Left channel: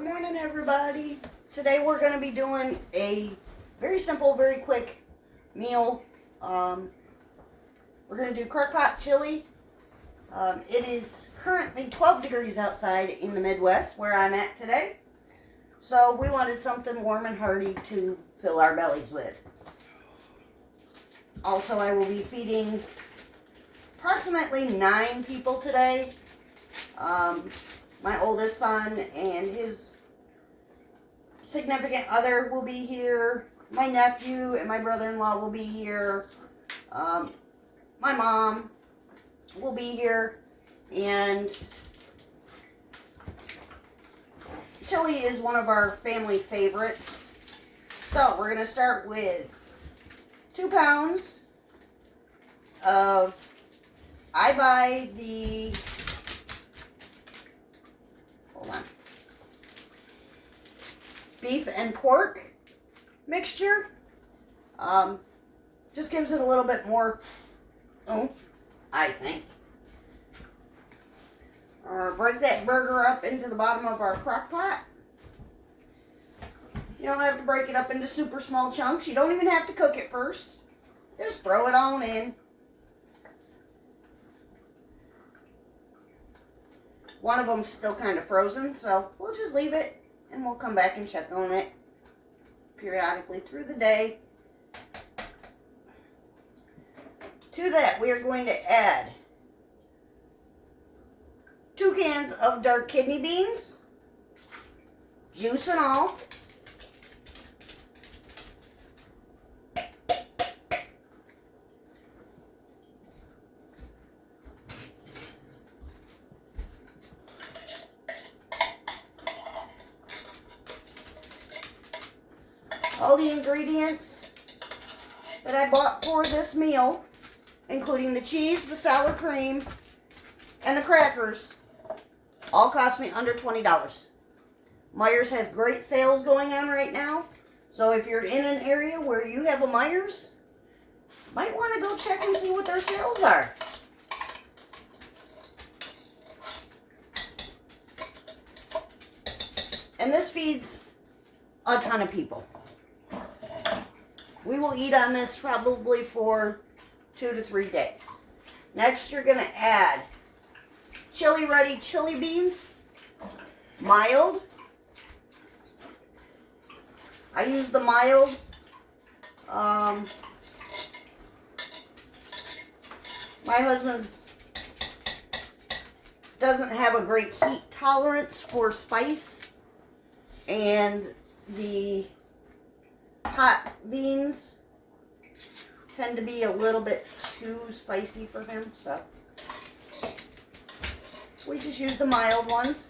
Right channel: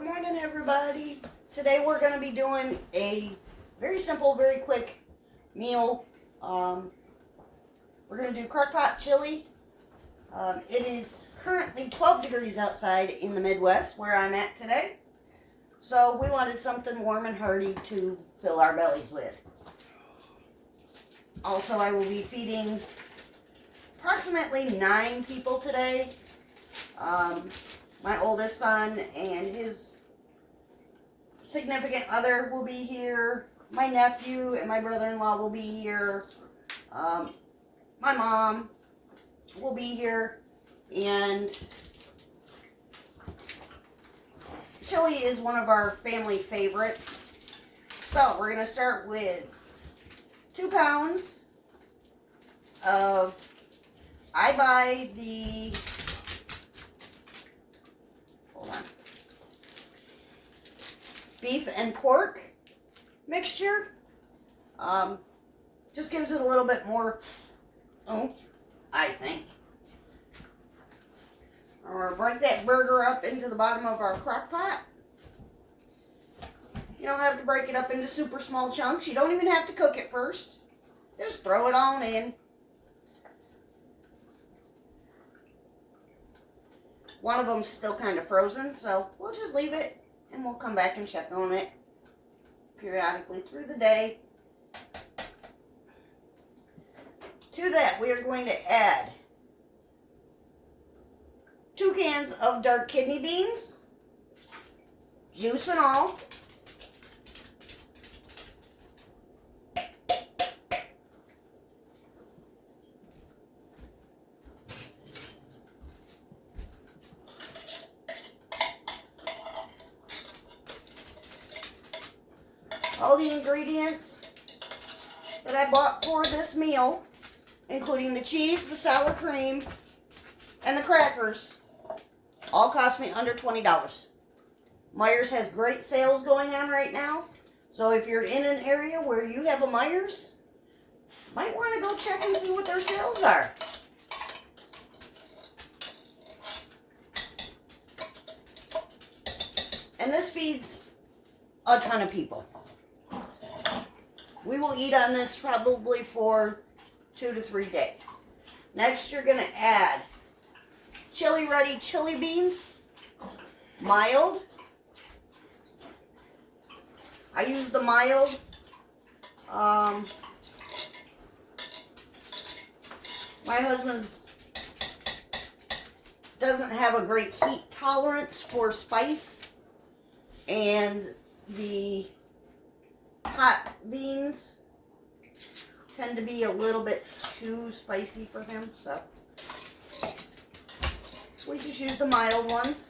Good morning, everybody. Today we're going to be doing a very simple, very quick meal. We're going to do Crockpot chili. It is currently 12 degrees outside in the Midwest where I'm at today. So we wanted something warm and hearty to fill our bellies with. Also, I will be feeding approximately 9 people today. My oldest son and his significant other will be here. My nephew and my brother-in-law will be here. My mom will be here. And chili is one of our family favorites. So we're going to start with 2 pounds of, I buy the, hold on, beef and pork mixture. Just gives it a little bit more oomph, I think. Or break that burger up into the bottom of our crock pot. You don't have to break it up into super small chunks. You don't even have to cook it first. Just throw it on in. One of them's still kind of frozen, so we'll just leave it and we'll come back and check on it periodically through the day. To that, we are going to add 2 cans of dark kidney beans, juice and all. All the ingredients that I bought for this meal, including the cheese, the sour cream, and the crackers, all cost me under $20. Meijer's has great sales going on right now. So if you're in an area where you have a Meijer's, might want to go check and see what their sales are. And this feeds a ton of people. We will eat on this probably for 2 to 3 days. Next, you're going to add chili ready chili beans, mild. I use the mild. My husband's doesn't have a great heat tolerance for spice, and the hot beans tend to be a little bit too spicy for him, so we just use the mild ones.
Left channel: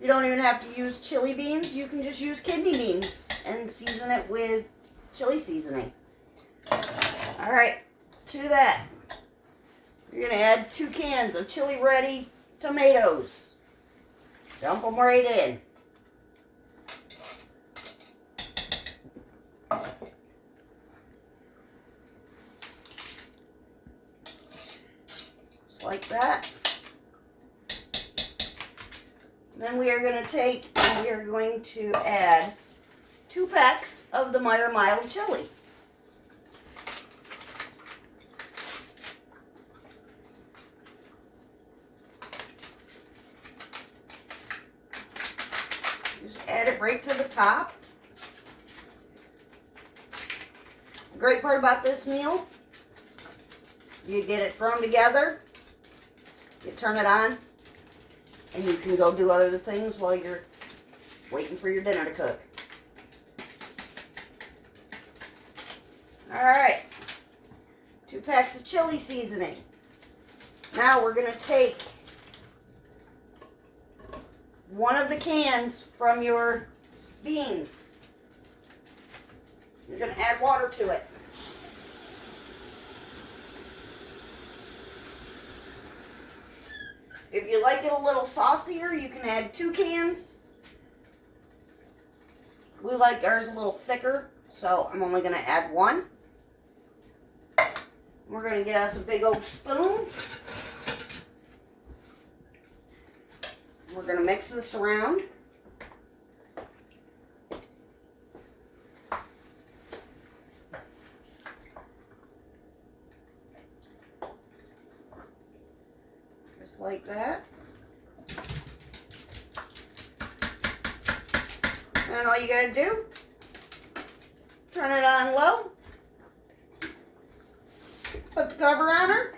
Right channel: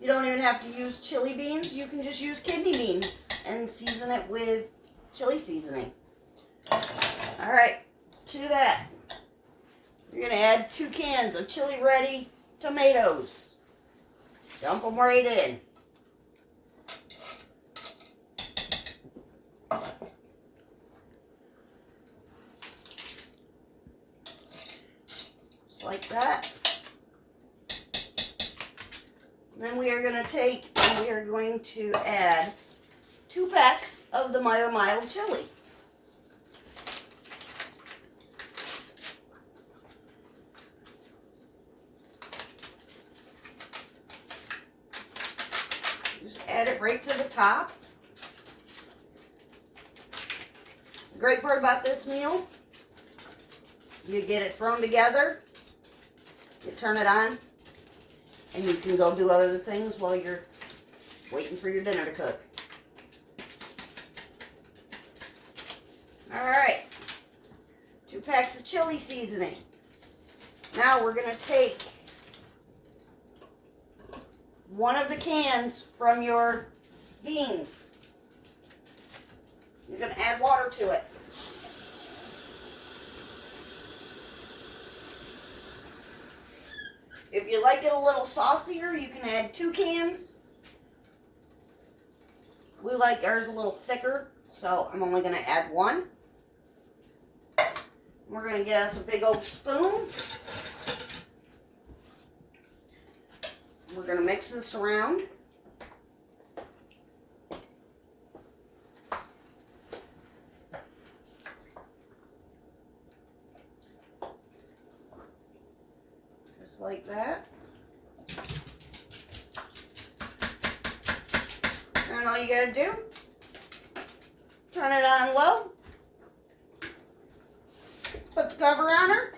You don't even have to use chili beans. You can just use kidney beans and season it with chili seasoning. Alright, to that, you're going to add 2 cans of chili ready tomatoes. Dump them right in. Like that. Then we are going to take and we are going to add 2 packs of the Meijer mild chili. Just add it right to the top. The great part about this meal, you get it thrown together. You turn it on, and you can go do other things while you're waiting for your dinner to cook. Alright, 2 packs of chili seasoning. Now we're going to take one of the cans from your beans. You're going to add water to it. If you like it a little saucier, you can add 2 cans. We like ours a little thicker, so I'm only going to add 1. We're going to get us a big old spoon. We're going to mix this around. Just like that. And all you got to do, turn it on low, put the cover on her,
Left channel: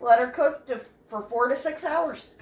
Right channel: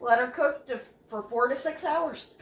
let her cook for 4 to 6 hours.